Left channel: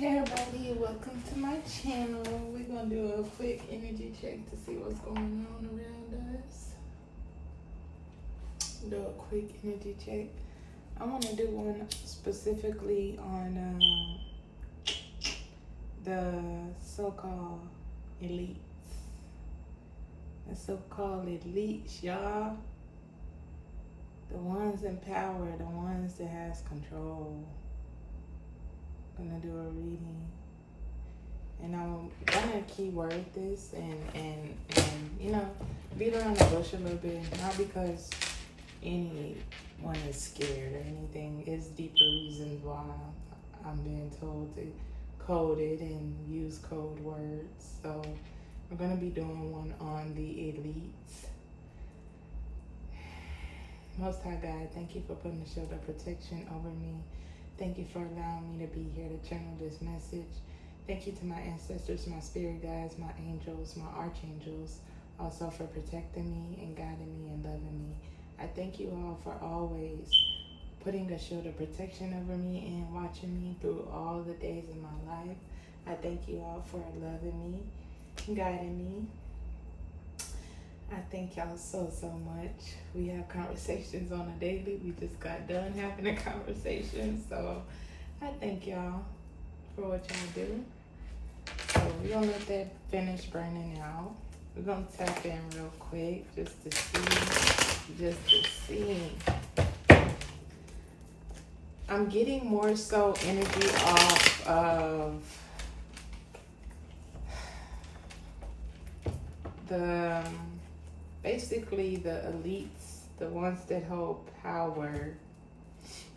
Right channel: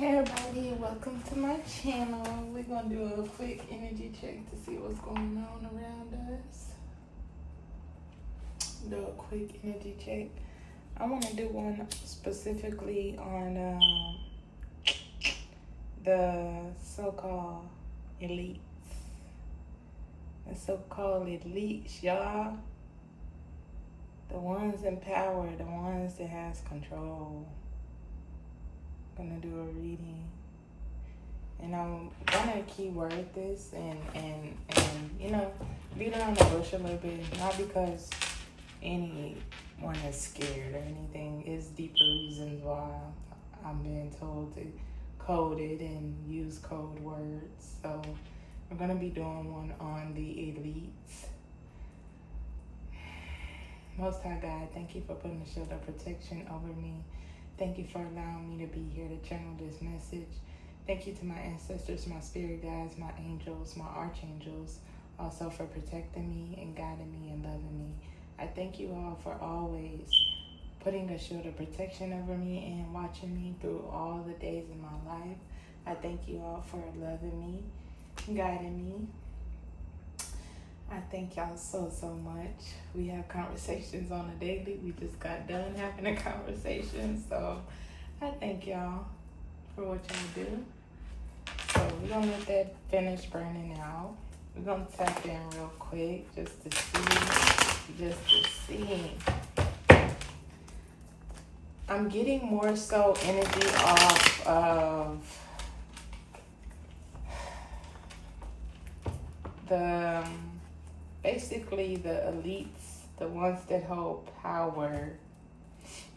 Hey everybody, welcome to my channel. We're going to do a quick energy check to see what's going on around us. Do a quick energy check. I want to do one specifically on the so-called elites. The so-called elites, y'all. The ones in power, the ones that has control. Gonna do a reading, and I'm gonna keyword this and you know, beat around the bush a little bit, not because anyone is scared or anything. It's deeper reasons why I'm being told to code it and use code words. So we're gonna be doing one on the elites. Most High God, thank you for putting a shield of protection over me. Thank you for allowing me to be here to channel this message. Thank you to my ancestors, my spirit guides, my angels, my archangels, also for protecting me and guiding me and loving me. I thank you all for always putting a shield of protection over me and watching me through all the days of my life. I thank you all for loving me, guiding me. I thank y'all so much. We have conversations on a daily. We just got done having a conversation. So I thank y'all for what y'all do. So we're going to let that finish burning out. We're going to tap in real quick just to see. I'm getting more so energy off of basically the elites, the ones that hold power.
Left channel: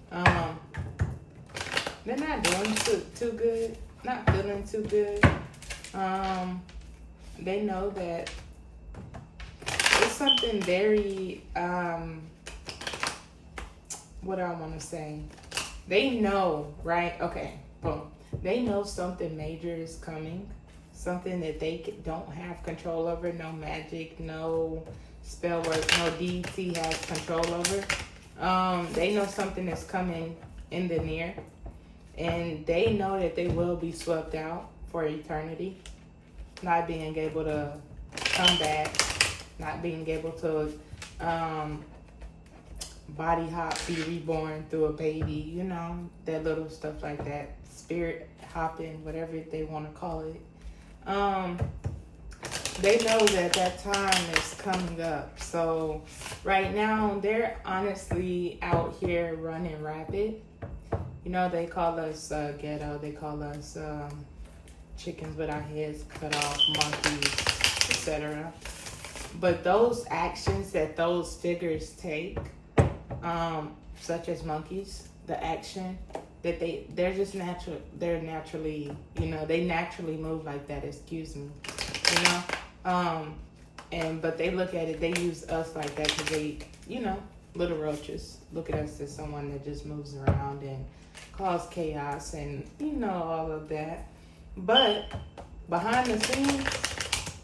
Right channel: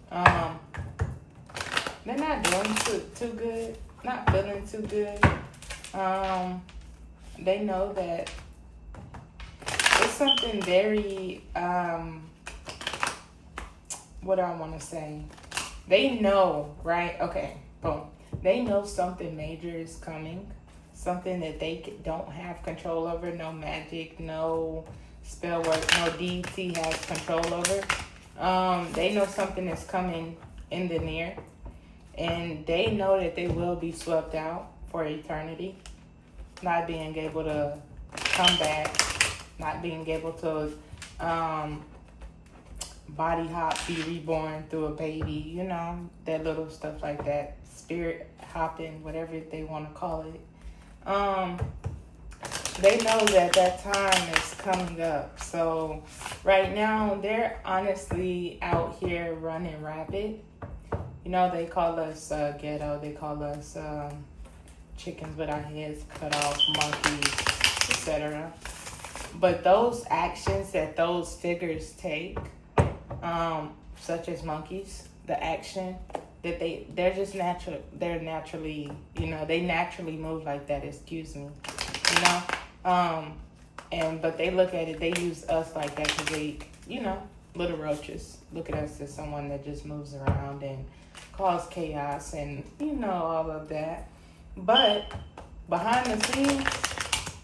They're not doing too good, not feeling too good. They know that it's something very, what do I want to say? They know, right? Okay, boom. They know something major is coming. Something that they don't have control over, no magic, no spell work, no deity has control over. They know something is coming in the near, and they know that they will be swept out for eternity, not being able to come back, not being able to body hop, be reborn through a baby, you know, that little stuff like that, spirit hopping, whatever they want to call it. They know that time is coming up. So right now they're honestly out here running rapid. You know, they call us ghetto. They call us chickens with our heads cut off, monkeys, etc. But those actions that those figures take, such as monkeys, the action that they're just natural. They're naturally, you know, they naturally move like that. Excuse me, you know. But they look at it. They use us like that because they, you know, little roaches look at us as someone that just moves around and cause chaos and you know all of that. But behind the scenes,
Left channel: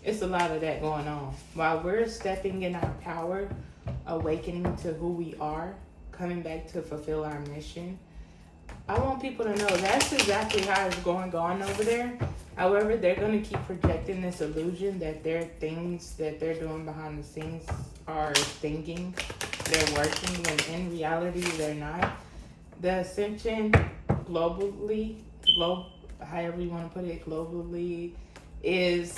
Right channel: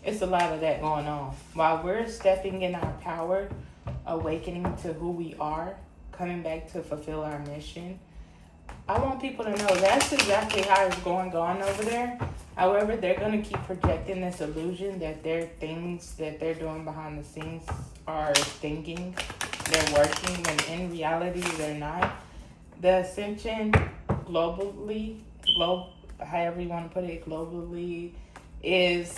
it's a lot of that going on. While we're stepping in our power, awakening to who we are, coming back to fulfill our mission. I want people to know that's exactly how it's going on over there. However, they're going to keep projecting this illusion that their things that they're doing behind the scenes are thinking, they're working, when in reality they're not. The ascension globally, however you want to put it, globally, is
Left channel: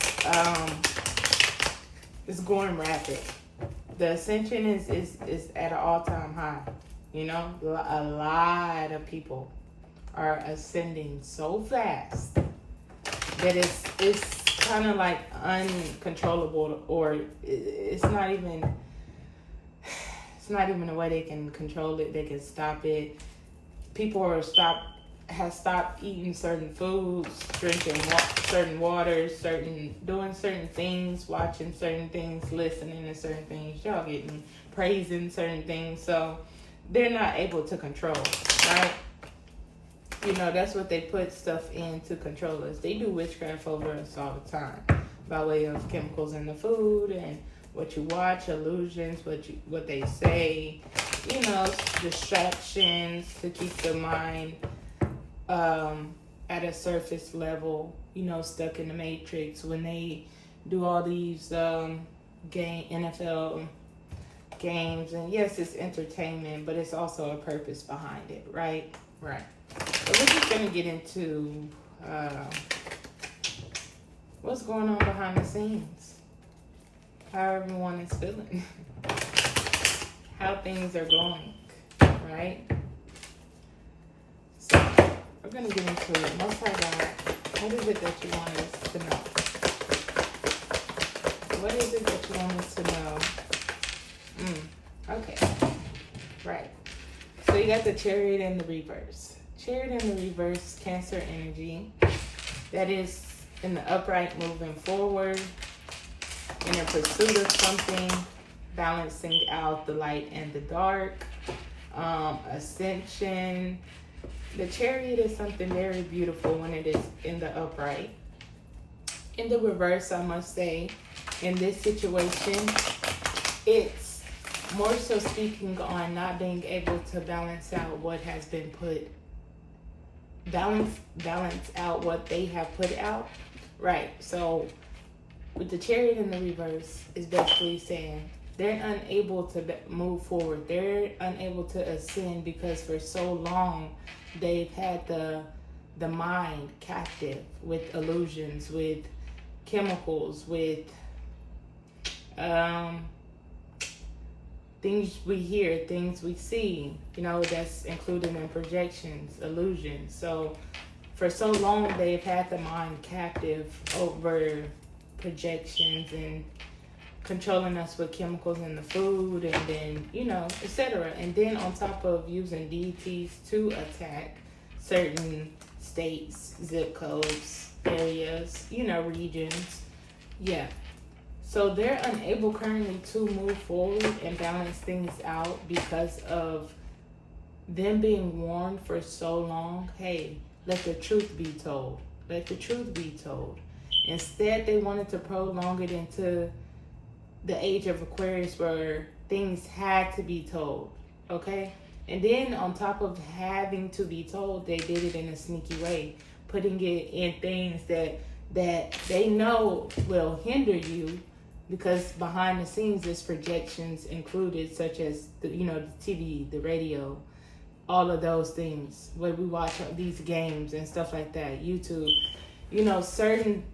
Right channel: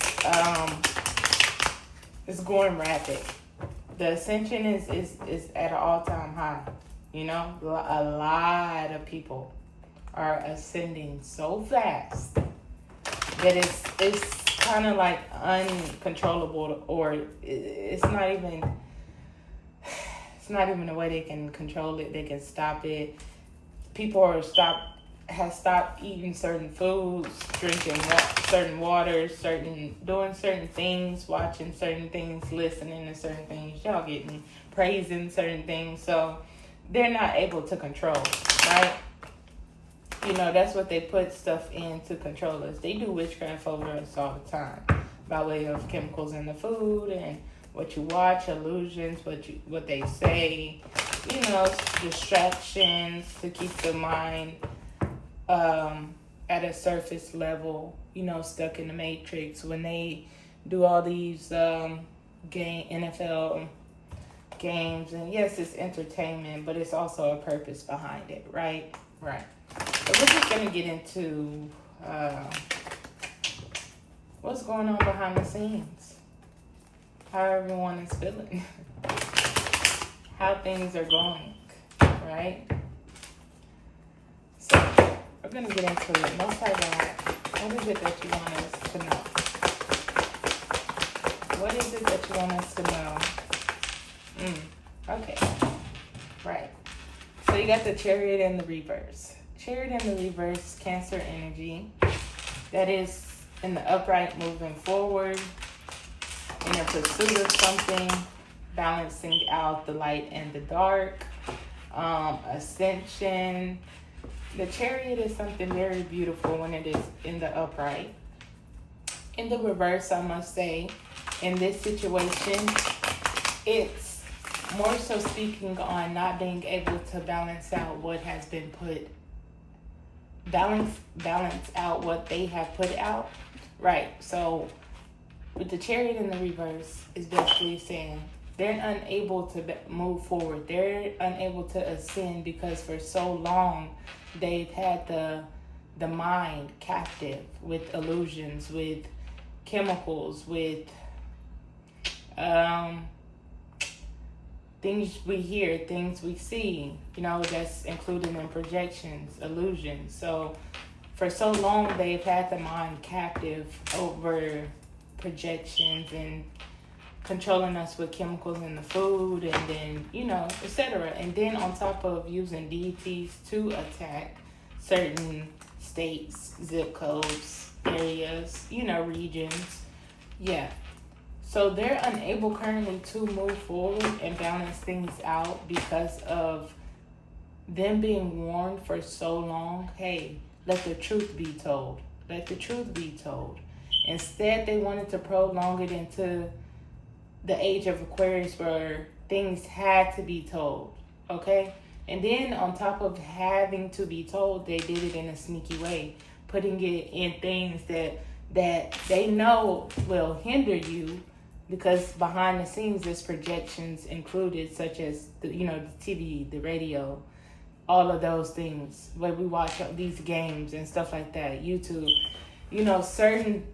going rapid. The ascension is at an all-time high. You know, a lot of people are ascending so fast that it's kind of like uncontrollable, or it's not even a way they can control it. They can stop it. People have stopped eating certain foods, drinking certain waters, doing certain things, watching certain things, listening to certain things. Y'all getting praising certain things. So they're not able to control, right? You know, that's what they put stuff in to control us. They do witchcraft over us all the time by way of chemicals in the food and what you watch, illusions, what they say, you know, distractions to keep the mind at a surface level, you know, stuck in the matrix when they do all these NFL games. And yes, it's entertainment, but it's also a purpose behind it, right? Right. So we're just going to get into what's going on behind the scenes, how everyone is feeling, how things are going, right? So we're going to get into it. Most High God, what is it that you want us to know? What is it that you want us to know? Okay, right. So you got the Chariot in the reverse. Chariot in the reverse, Cancer energy. That is in the upright, moving forward, in a pursuit of something, balancing out the light and the dark, ascension. The Chariot is something very beautiful when it is in the upright. In the reverse, I must say, in this situation, it's more so speaking on not being able to balance out what has been put, balance out what they have put out. Right. So with the Chariot in the reverse is basically saying they're unable to move forward. They're unable to ascend because for so long they've had the mind captive with illusions, with chemicals, with things we hear, things we see, you know, that's included in projections, illusions. So for so long, they've had the mind captive over projections and controlling us with chemicals in the food and then, you know, etc. And then on top of using deities to attack certain states, zip codes, areas, you know, regions. Yeah. So they're unable currently to move forward and balance things out because of them being warned for so long. Hey, let the truth be told. Let the truth be told. Instead, they wanted to prolong it into the age of Aquarius where things had to be told. Okay? And then on top of having to be told, they did it in a sneaky way, putting it in things that they know will hinder you. Because behind the scenes, there's projections included, such as the TV, the radio, all of those things. When we watch these games and stuff like that, YouTube, you know, certain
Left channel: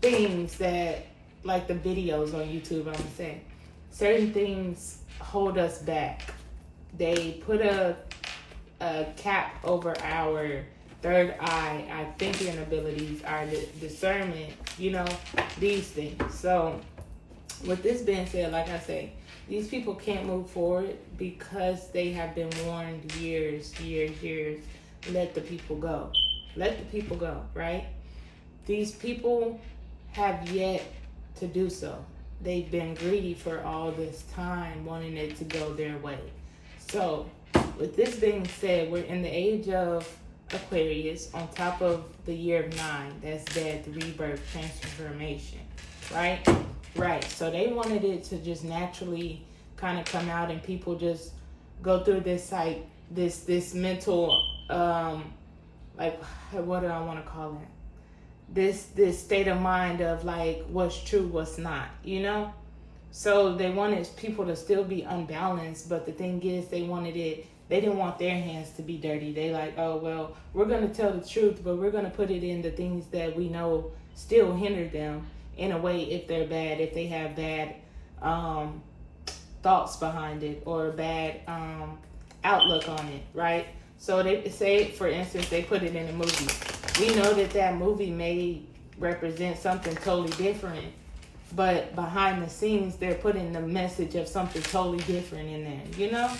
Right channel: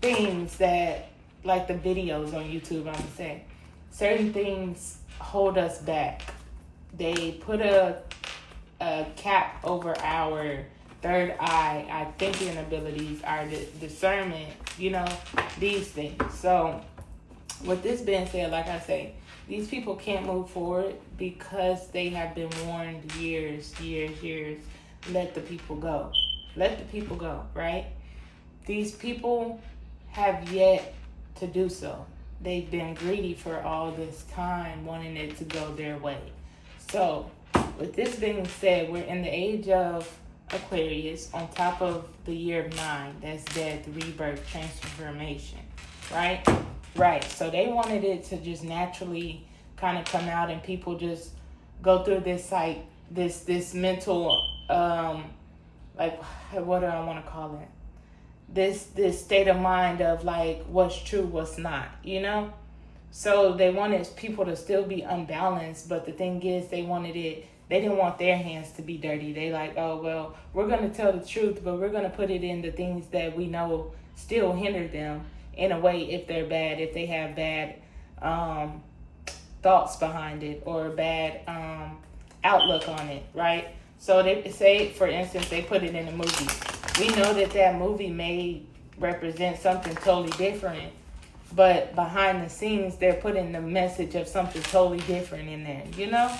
things that, like the videos on YouTube, I'm gonna say, certain things hold us back. They put a cap over our third eye, our thinking abilities, our discernment, you know, these things. So with this being said, like I say, these people can't move forward because they have been warned years. Let the people go. Let the people go, right? These people have yet to do so. They've been greedy for all this time, wanting it to go their way. So with this being said, we're in the age of Aquarius on top of the year of 9. That's death, rebirth, transformation, right? Right, so they wanted it to just naturally kind of come out and people just go through this mental, like, what do I want to call it? This state of mind of like what's true, what's not, you know? So they wanted people to still be unbalanced, but the thing is they didn't want their hands to be dirty. They like, oh, well, we're going to tell the truth, but we're going to put it in the things that we know still hinder them. In a way, if they're bad, if they have bad thoughts behind it or bad outlook on it, right? So they say, for instance, they put it in a movie. We know that movie may represent something totally different, but behind the scenes, they're putting the message of something totally different in there, you know?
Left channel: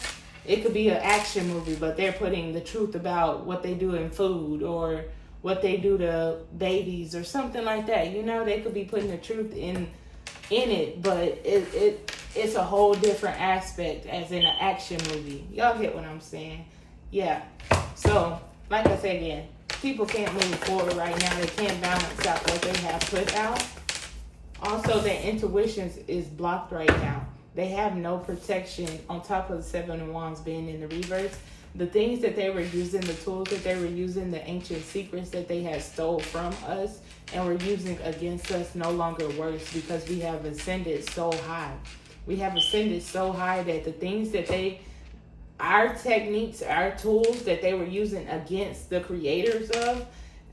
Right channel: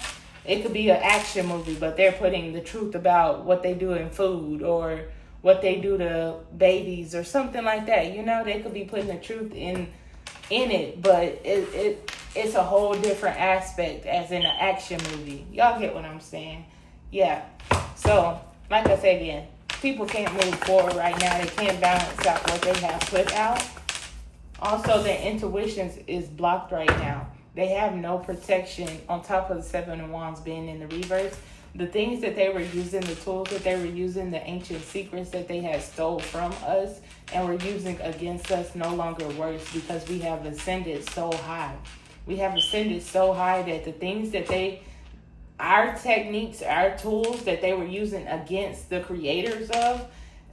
It could be an action movie, but they're putting the truth about what they do in food or what they do to babies or something like that. You know, they could be putting the truth in it, but it's a whole different aspect as in an action movie. Y'all get what I'm saying? Yeah. So, like I said again, people can't move forward right now. They can't balance out what they have put out. Also, their intuition is blocked right now. They have no protection on top of the 7 of Wands being in the reverse. The things that they were using, the tools that they were using, the ancient secrets that they had stole from us and were using against us no longer works, because we have ascended so high. We have ascended so high that the things that our techniques, our tools that they were using against the creators of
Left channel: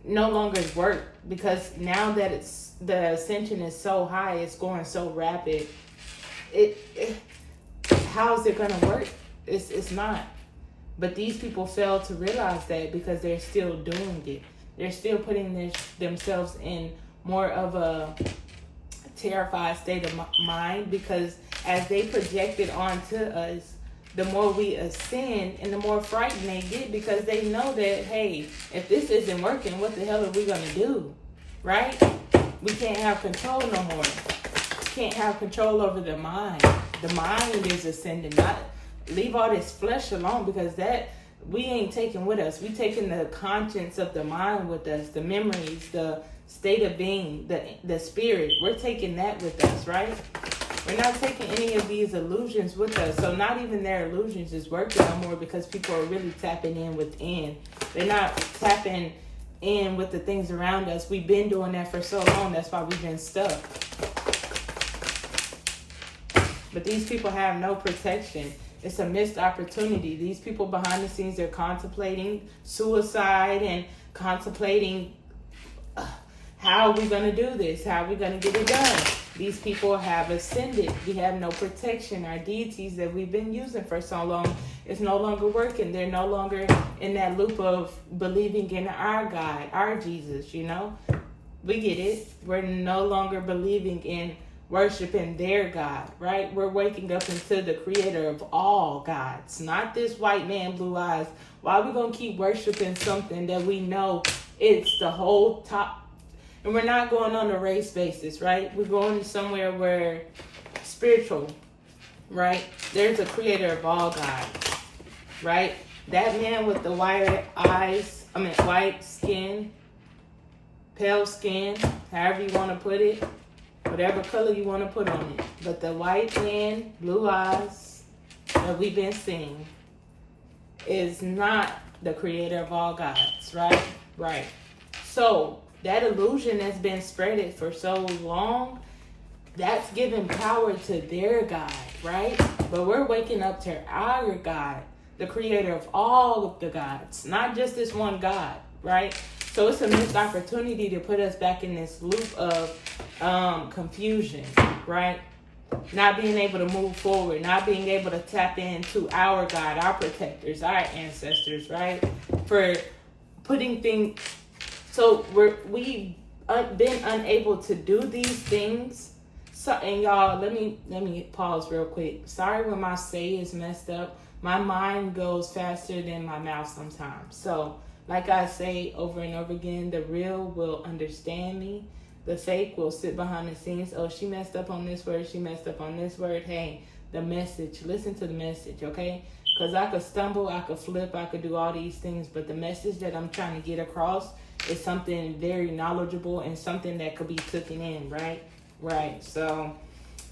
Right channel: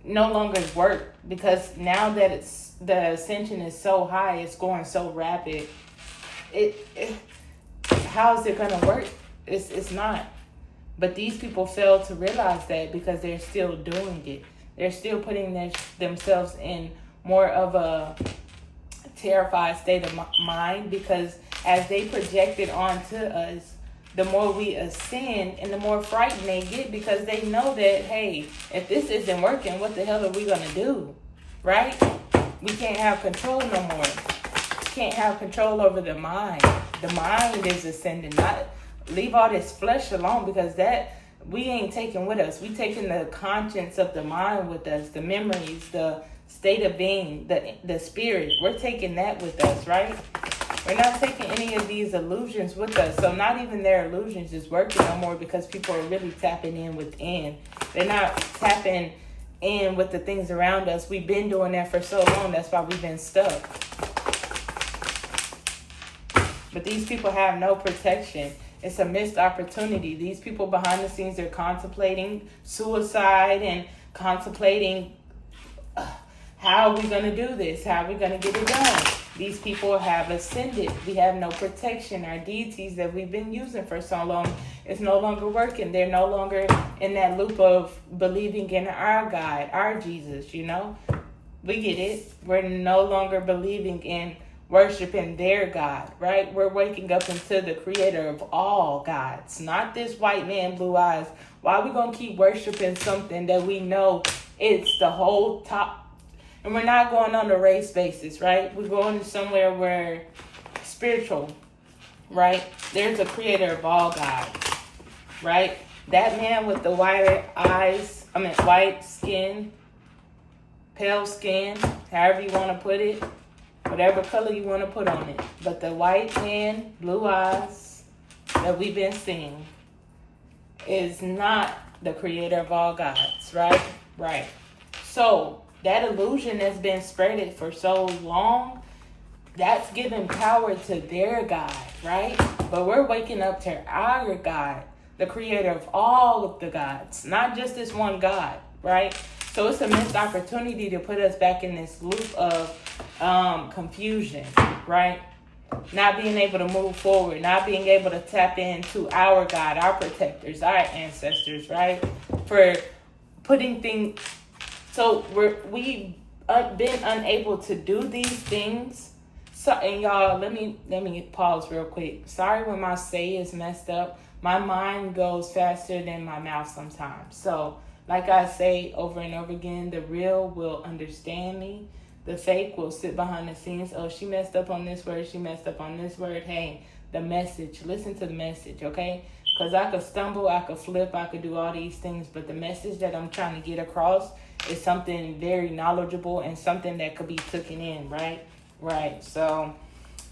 no longer work, because now that the ascension is so high, it's going so rapid. How is it going to work? It's not. But these people fail to realize that, because they're still doing it. They're still putting themselves in more of a terrified state of mind, because as they project it onto us, the more we ascend and the more frightened they get, because they know that, hey, if this isn't working, what the hell are we going to do? Right? We can't have control no more. Can't have control over the mind. The mind is ascending. Not leave all this flesh alone, because that we ain't taking with us. We taking the conscience of the mind with us, the memories, the state of being, the spirit. We're taking that with us, right? We're not taking any of these illusions with us. So not even their illusions is working no more, because people are really tapping in within. They're not tapping in with the things around us. We've been doing that for so long. That's why we've been stuck. But these people have no protection. It's a missed opportunity. These people behind the scenes are contemplating suicide and contemplating how are we going to do this? How are we going to get it done? These people have ascended. We have no protection. Our deities that we've been using for so long is no longer working. They're no longer in that loop of believing in our God, our Jesus, you know? We get it. We're no longer believing in worshiping their God, right? We're waking up into the creator of all gods, not this white man, blue eyes. Why are we going to keep worshiping something that we know it's the whole top? And we're not going on a race basis, right? We're going somewhere where spiritual, right? There's a creator of all gods, right? That man with the white eyes, white skin, pale skin, however you want to put it, whatever color you want to put on it. But the white man, blue eyes that we've been seeing is not the creator of all gods, right? Right. So that illusion that's been spreaded for so long, that's giving power to their God, right? But we're waking up to our God, the creator of all of the gods, not just this one God, right? So it's a missed opportunity to put us back in this loop of confusion, right? Not being able to move forward, not being able to tap into our God, our protectors, our ancestors, right? For putting things, so we've been unable to do these things. So, and y'all, let me pause real quick. Sorry when my say is messed up. My mind goes faster than my mouth sometimes. So, like I say over and over again, the real will understand me. The fake will sit behind the scenes. Oh, she messed up on this word. She messed up on this word. Hey, the message. Listen to the message, okay? Because I could stumble, I could flip, I could do all these things. But the message that I'm trying to get across is something very knowledgeable and something that could be taken in, right? Right. So,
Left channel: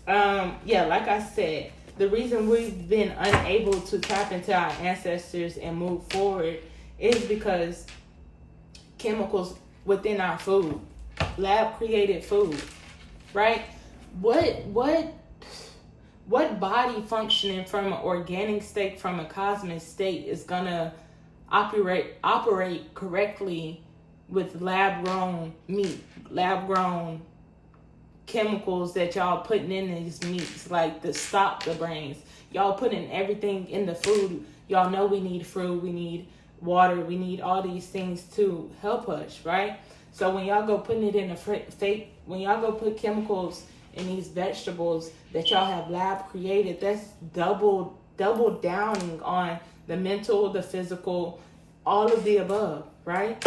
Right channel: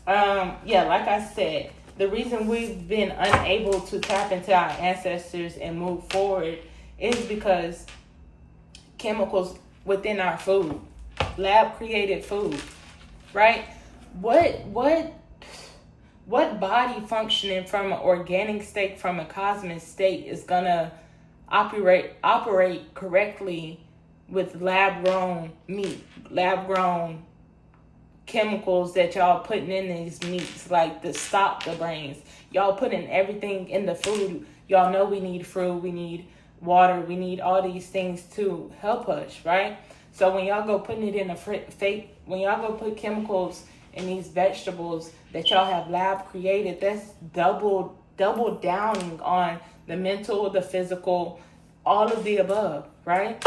yeah, like I said, the reason we've been unable to tap into our ancestors and move forward is because chemicals within our food, lab created food, right? What body functioning from an organic state, from a cosmic state, is gonna operate correctly with lab grown meat, lab grown chemicals that y'all putting in these meats, like to stop the brains? Y'all putting everything in the food. Y'all know we need fruit, we need water, we need all these things to help us, right? So when y'all go putting it in a fake, when y'all go put chemicals in these vegetables that y'all have lab created, that's double downing on the mental, the physical, all of the above, right?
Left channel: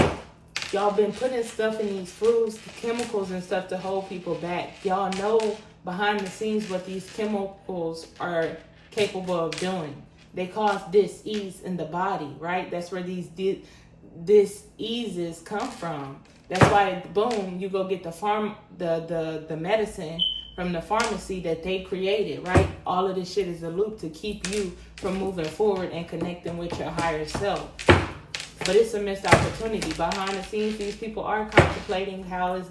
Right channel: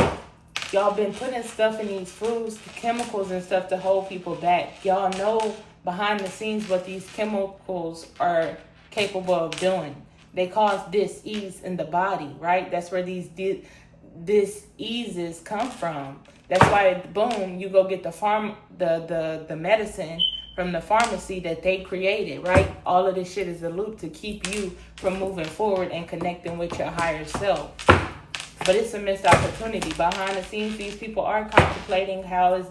Y'all been putting stuff in these foods, chemicals and stuff to hold people back. Y'all know behind the scenes what these chemicals are capable of doing. They cause dis-ease in the body, right? That's where these dis-eases come from. That's why, boom, you go get the medicine from the pharmacy that they created, right? All of this shit is a loop to keep you from moving forward and connecting with your higher self. But it's a missed opportunity. Behind the scenes, these people are contemplating how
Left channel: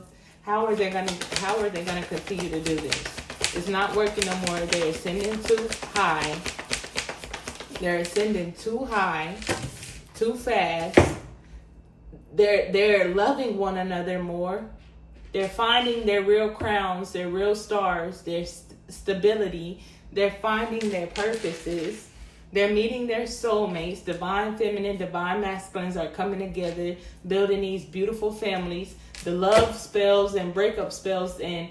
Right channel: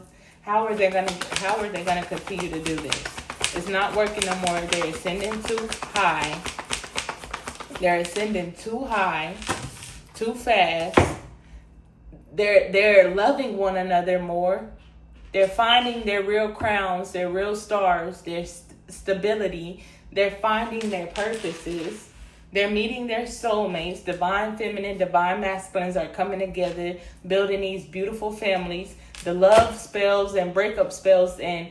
are they gonna continue to do this. It's not working no more. They're ascending too high. They're ascending too high, too fast. They're loving one another more. They're finding their real crowns, their real stars, their stability. They're finding their purposes. They're meeting their soulmates. Divine feminine, divine masculines are coming together, building these beautiful families. The love spells and breakup spells and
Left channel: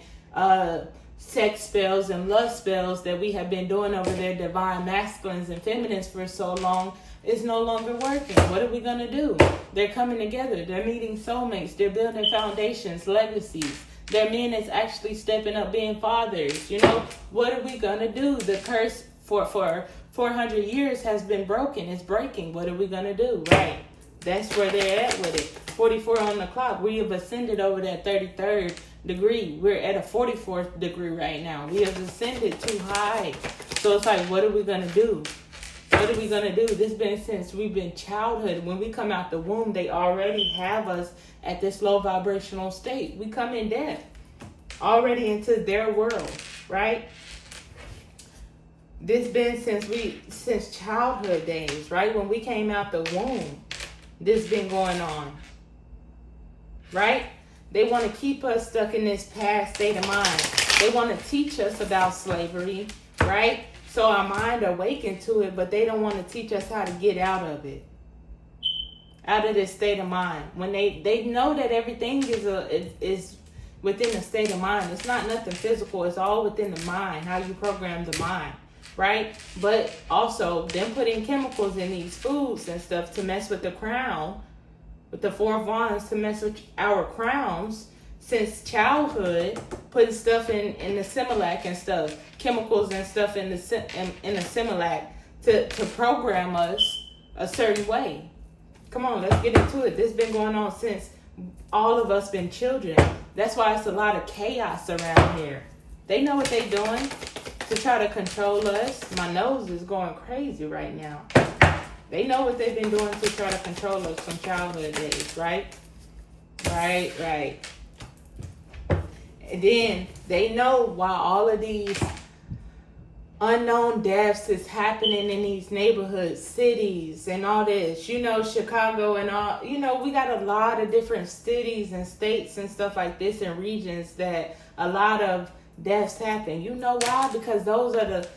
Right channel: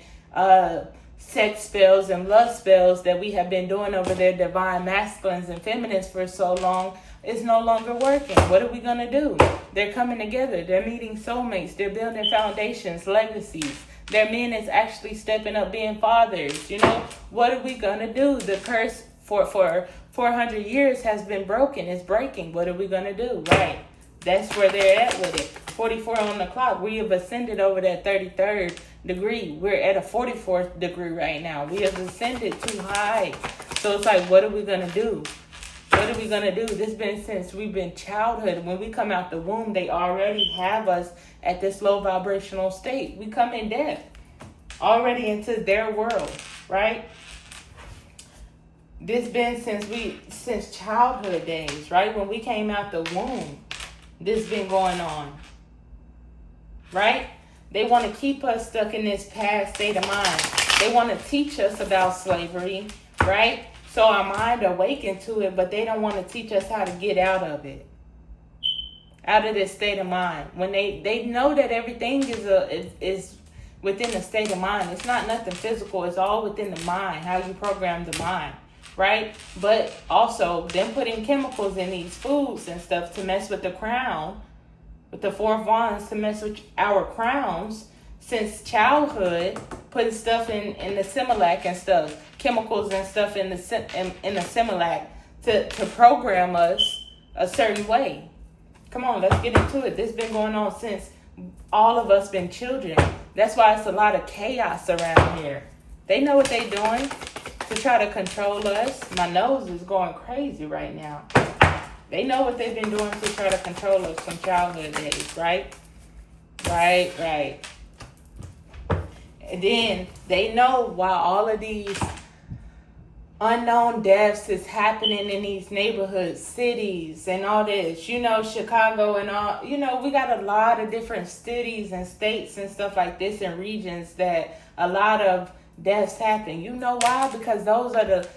sex spells and lust spells that we have been doing over their divine masculines and feminines for so long is no longer working. What are we going to do? They're coming together. They're meeting soulmates. They're building foundations, legacies. Their men is actually stepping up being fathers. You know, what are we going to do? The curse for 400 years has been broken. It's breaking. What are we going to do? Right. That's where they're at with it. 44 on the clock. We have ascended over that 33rd degree. We're at a 44th degree right now. We have ascended too high. So it's like, what are we going to do? What are we going to do? This has been since we've been childhood. When we come out the womb, they already have us at this low vibrational state. We come in death already into their world, right? This been since childhood days, right? When we came out the womb, this been going on, right? They want to keep us stuck in this past state of mind. They want to teach us about slavery, right? So our mind awakened to it, but they don't want to teach us how to get out of it, out of this state of mind. When they know that everything is within the state of mind. It's not nothing physical. It's all within the mind, how you program the mind, right? But also them putting chemicals in these foods and stuff to mess with the crown, with the 4 of Wands to mess with our crowns since childhood, putting stuff in the Similac and stuff, chemicals and stuff in the Similac to program us a certain way. Come on, let's get into it. This has been going on since all of us been children. That's why it's a lot of chaos around here. They know what they're doing to try to control us. My nose is going crazy right now. They know what they've been doing to try to control us from childhood days, right? Right. And then they know why all of these unknown deaths is happening in these neighborhoods, cities, and all this. You know, Chicago and all. You know, we got a lot of different cities and states and stuff like this and regions that a lot of deaths happen. You know why? Because those are the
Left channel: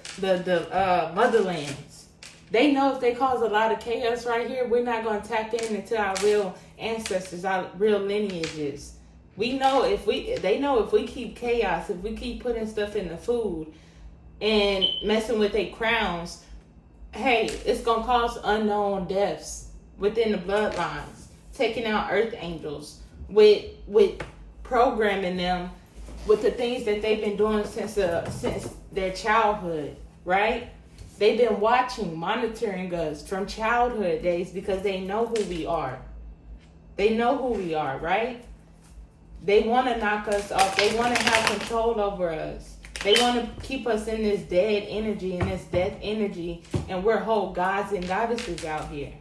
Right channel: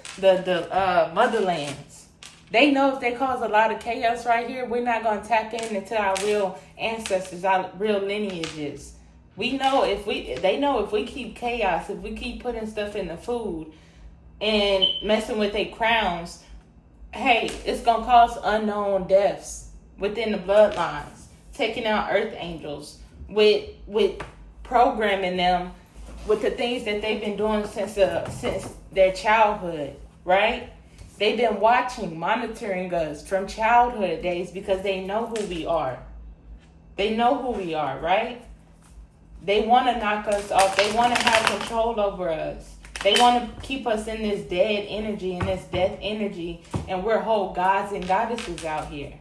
motherlands. They know if they cause a lot of chaos right here, we're not going to tap into our real ancestors, our real lineages. They know if we keep chaos, if we keep putting stuff in the food and messing with their crowns, hey, it's going to cause unknown deaths within the bloodlines, taking out earth angels with programming them with the things that they've been doing since their childhood, right? They've been watching, monitoring us from childhood days because they know who we are. They know who we are, right? They want to knock us off. They want to have control over us. They want to keep us in this dead energy, in this death energy, and we're whole gods and goddesses out here,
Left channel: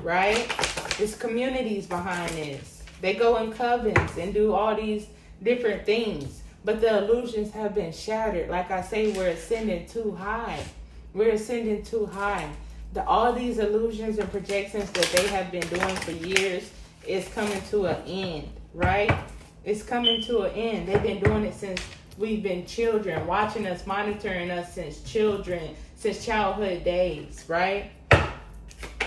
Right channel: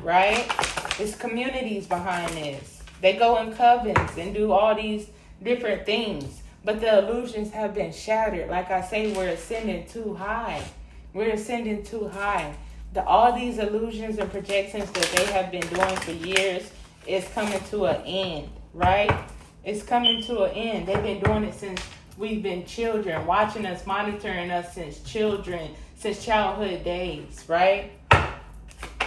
right? There's communities behind this. They go in covens and do all these different things. But the illusions have been shattered. Like I say, we're ascending too high. We're ascending too high. All these illusions and projections that they have been doing for years is coming to an end, right? It's coming to an end. They've been doing it since we've been children, watching us, monitoring us since children, since childhood days, right?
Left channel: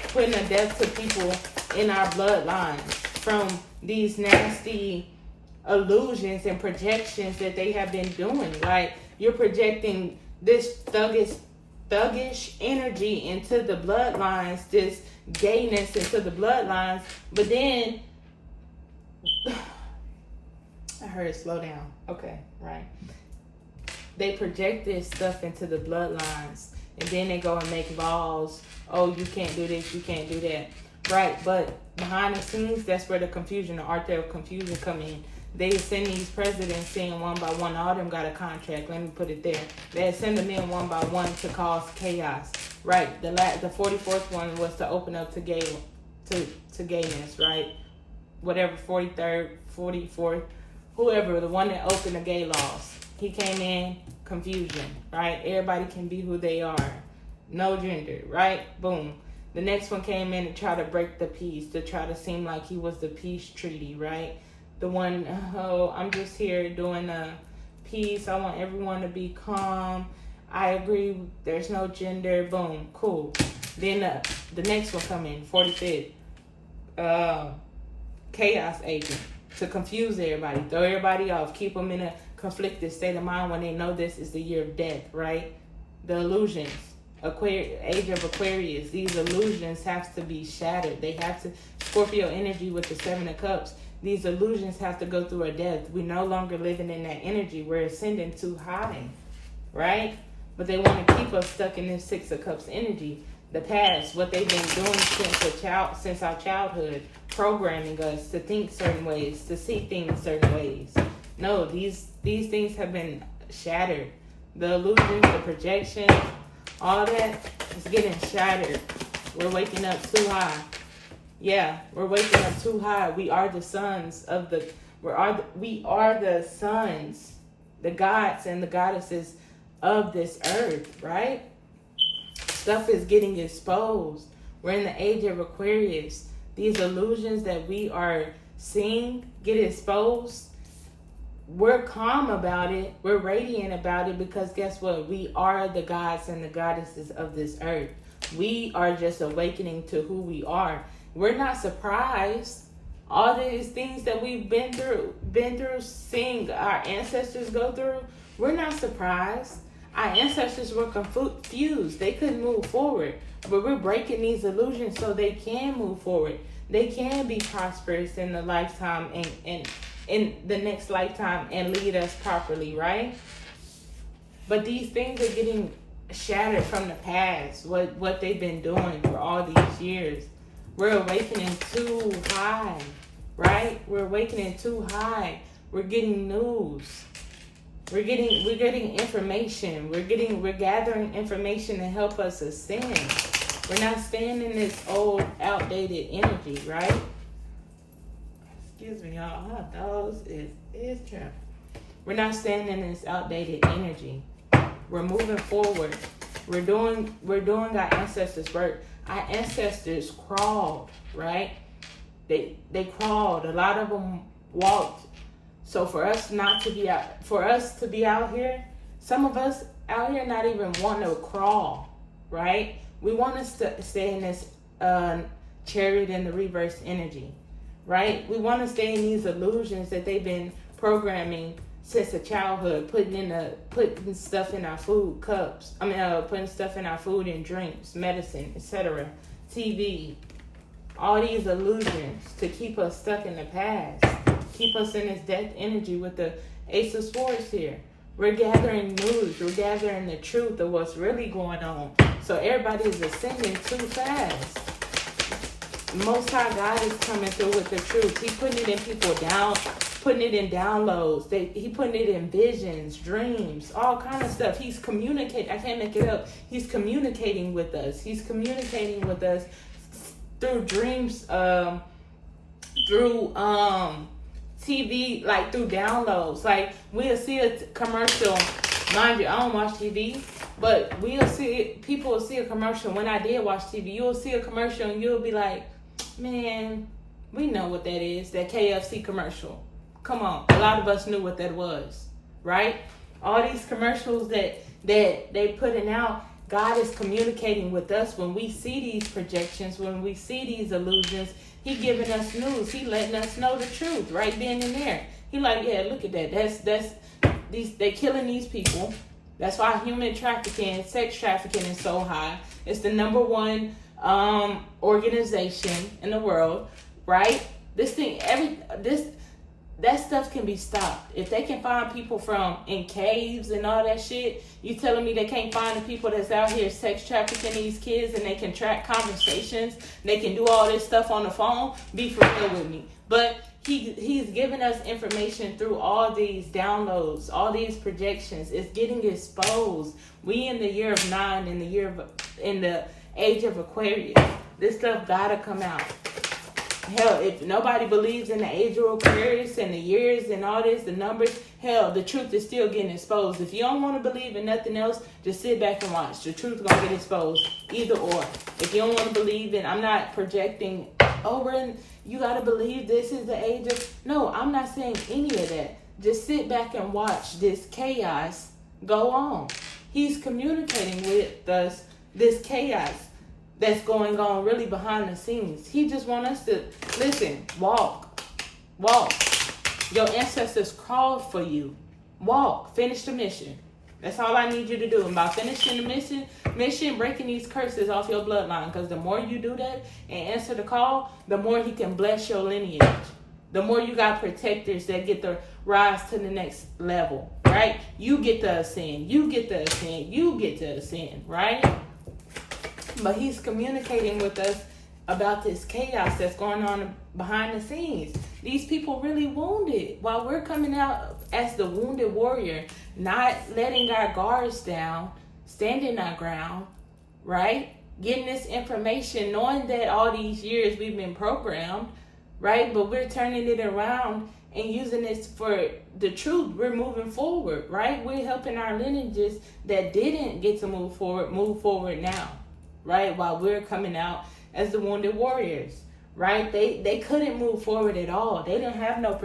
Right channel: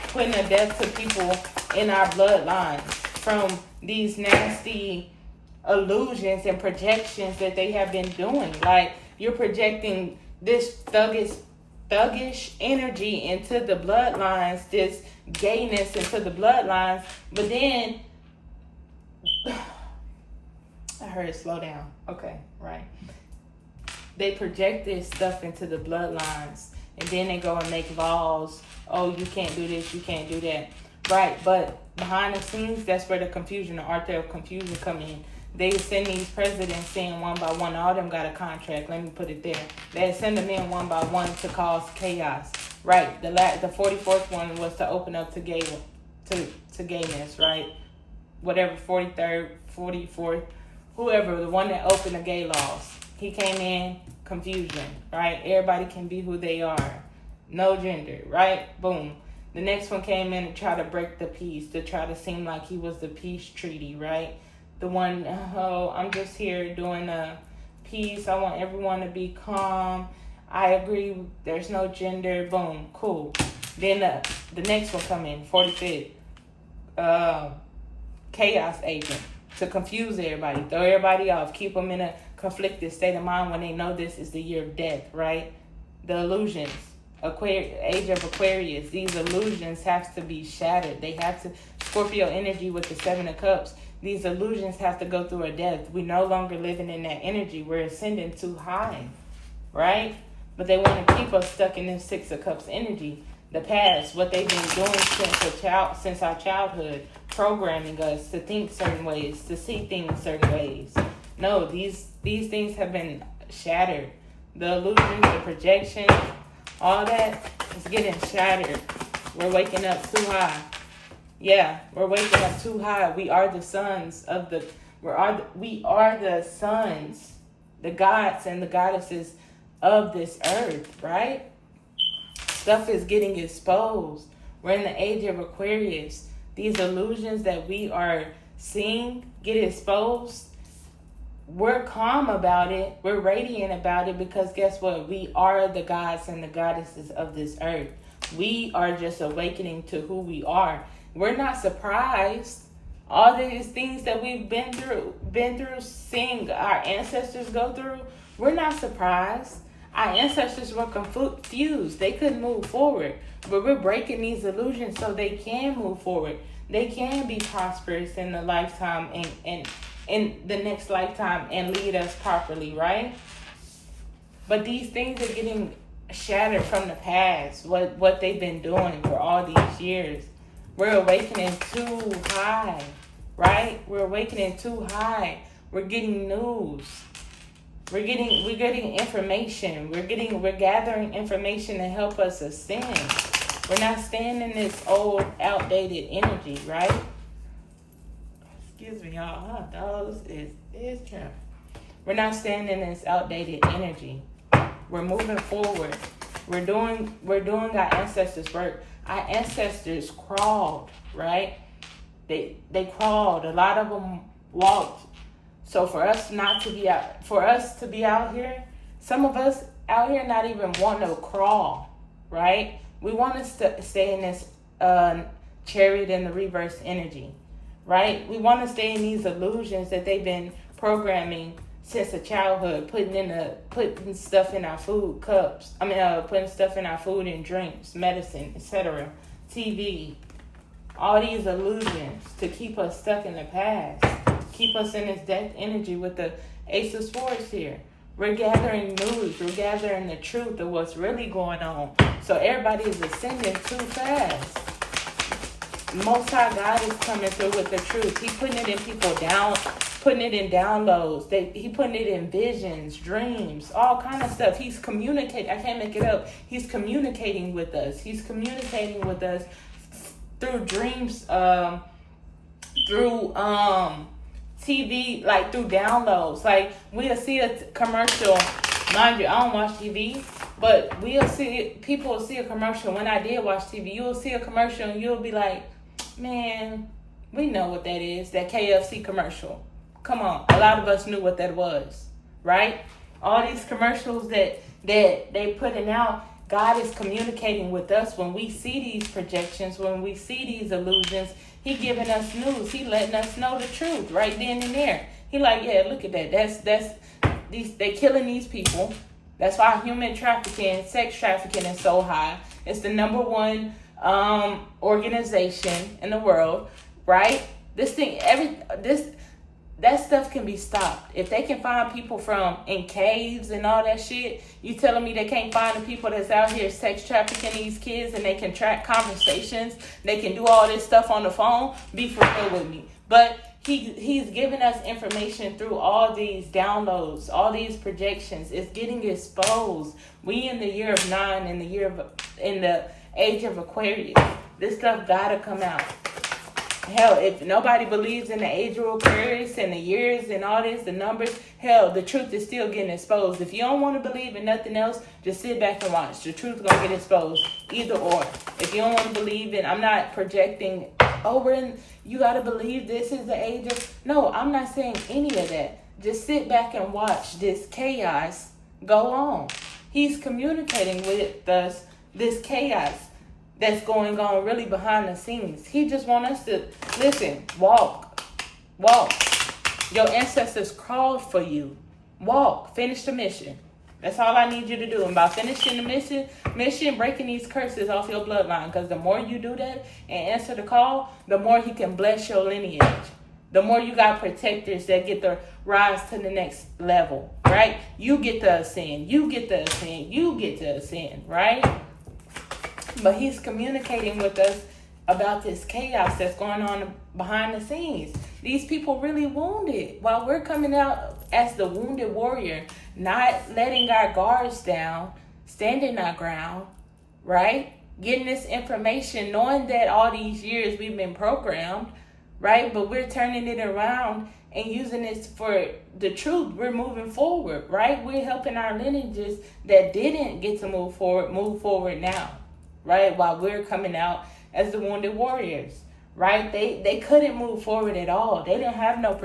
Putting a death to people in our bloodlines from these nasty illusions and projections that they have been doing. Like, you're projecting this thuggish energy into the bloodlines, this gayness into the bloodlines, but then I heard it slow down. Okay, right. They project this stuff into the bloodlines, and then they go and make laws. Oh, you can't do this, you can't do that. Right, but behind the scenes, that's where the confusion, the art of confusion come in. They send these presidents in one by one. All of them got a contract. Let me put it there. They send them in one by one to cause chaos. Right. The 44th one was to open up to gayness. Right. Whatever, 43rd, 44th, whoever, the one that opened the gay laws. He came in, confusion. Right. Everybody can be who they are. No gender. Right. Boom. The next one came in and tried to break the peace, to try to seem like he was the peace treaty, right? The one, oh, I'm just here doing a peace. I want everyone to be calm. I agree. There's no gender. Boom. Cool. Then the next one come in, 45th. Chaos agent, to confuse everybody, throw everybody off, keep them in a conflicted state of mind when they know this is the year of death, right? The illusions. Age of Aquarius, these illusions have to be shattered. They have to, Scorpio energy with the 7 of Cups, these illusions have to go through a death. We're no longer living in that energy. We're ascending too high, right? But they want to keep us stuck in this 6 of Cups energy. The past, what they've been doing since our childhood, programming us to think certain ways, to see things certain ways. No, these things have been shattered. The illusions, the projections, all that is getting shattered. We're waking up too high. Yeah, we're waking up too high. We are the sons of we are the sons, the gods and the goddesses of this earth, right? Stuff is getting exposed. We're in the age of Aquarius. These illusions that we are seeing get exposed. We're calm about it. We're radiant about it because guess what? We are the gods and the goddesses of this earth. We are just awakening to who we are. We're not surprised. All these things that we've been through, seeing our ancestors go through, we're not surprised. Our ancestors were confused. They couldn't move forward. But we're breaking these illusions so they can move forward. They can be prosperous in the lifetime and in the next lifetime and lead us properly, right? But these things are getting shattered from the past, what they've been doing for all these years. We're awakening too high, right? We're awakening too high. We're getting news. We're getting information. We're gathering information to help us ascend. We're not staying in this old, outdated energy, right? Excuse me, y'all. My dogs is trapped. We're not staying in this outdated energy. We're moving forward. We're doing our ancestors' work. Our ancestors crawled, right? They crawled. A lot of them walked. So for us to be out here, some of us out here not even want to crawl, right? We want to stay in this chariot in the reverse energy, right? We want to stay in these illusions that they've been programming since a childhood, putting stuff in our food cups. Putting stuff in our food and drinks, medicine, etc. TV, all these illusions to keep us stuck in the past, keep us in this death energy with the Ace of Swords here. We're gathering news. We're gathering the truth of what's really going on. So everybody is ascending too fast. Most High God is coming through with the truth. He's putting it in people down, putting it in downloads. He putting it in visions, dreams, all kind of stuff. He's communicating. I can't make it up. He's communicating with us. He's communicating with us through dreams, through TV, like through downloads. Like we'll see a commercial. Mind you, I don't watch TV, but people will see a commercial. When I did watch TV, you'll see a commercial and you'll be like, man, we know what that is, that KFC commercial. Come on, a lot of us knew what that was, right? All these commercials that they putting out, God is communicating with us when we see these projections, when we see these illusions. He giving us news. He letting us know the truth right then and there. He like, yeah, look at that. They killing these people. That's why human trafficking, sex trafficking is so high. It's the number one organization in the world, right? that stuff can be stopped. If they can find people from in caves and all that shit, you telling me they can't find the people that's out here sex trafficking these kids, and they can track conversations, they can do all this stuff on the phone? Be for real with me. But he's giving us information through all these downloads, all these projections. It's getting exposed. We in the year of 9, in the age of Aquarius. This stuff gotta come out. Hell, if nobody believes in the age of Aquarius and the years and all this, the numbers, hell, the truth is still getting exposed. If you don't want to believe in nothing else, just sit back and watch. The truth gonna get exposed. Either or. If you don't want to believe in, I'm not projecting, you gotta believe this is the age of, no, I'm not saying any of that. Just sit back and watch this chaos go on. He's communicating with us this chaos that's going on really behind the scenes. He just wants us to listen, walk. Your ancestors crawled for you. Walk, finish the mission. That's all I need you to do. And by finishing the mission, breaking these curses off your bloodline. Because the more you do that and answer the call, the more he can bless your lineage. The more you got protectors that get to rise to the next level, right? You get to ascend, right? But he's communicating with us about this chaos that's going on behind the scenes. These people really wounded, while we're coming out as the wounded warrior, not letting our guards down, standing our ground, right? Getting this information, knowing that all these years we've been programmed, right? But we're turning it around and using this for the truth. We're moving forward, right? We're helping our lineages that didn't get to move forward now, right? While we're coming out as the wounded warriors, right? They couldn't move forward at all. They didn't have no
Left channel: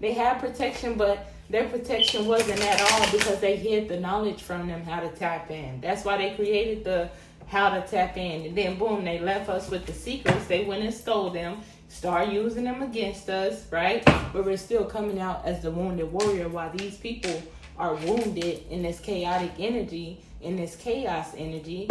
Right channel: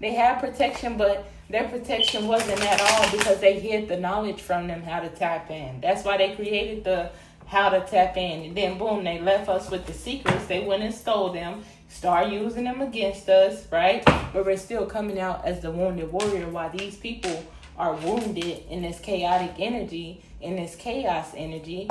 they had protection, but their protection wasn't at all because they hid the knowledge from them how to tap in. That's why they created the how to tap in. And then boom, they left us with the secrets. They went and stole them, start using them against us, right? But we're still coming out as the wounded warrior while these people are wounded in this chaotic energy, in this chaos energy.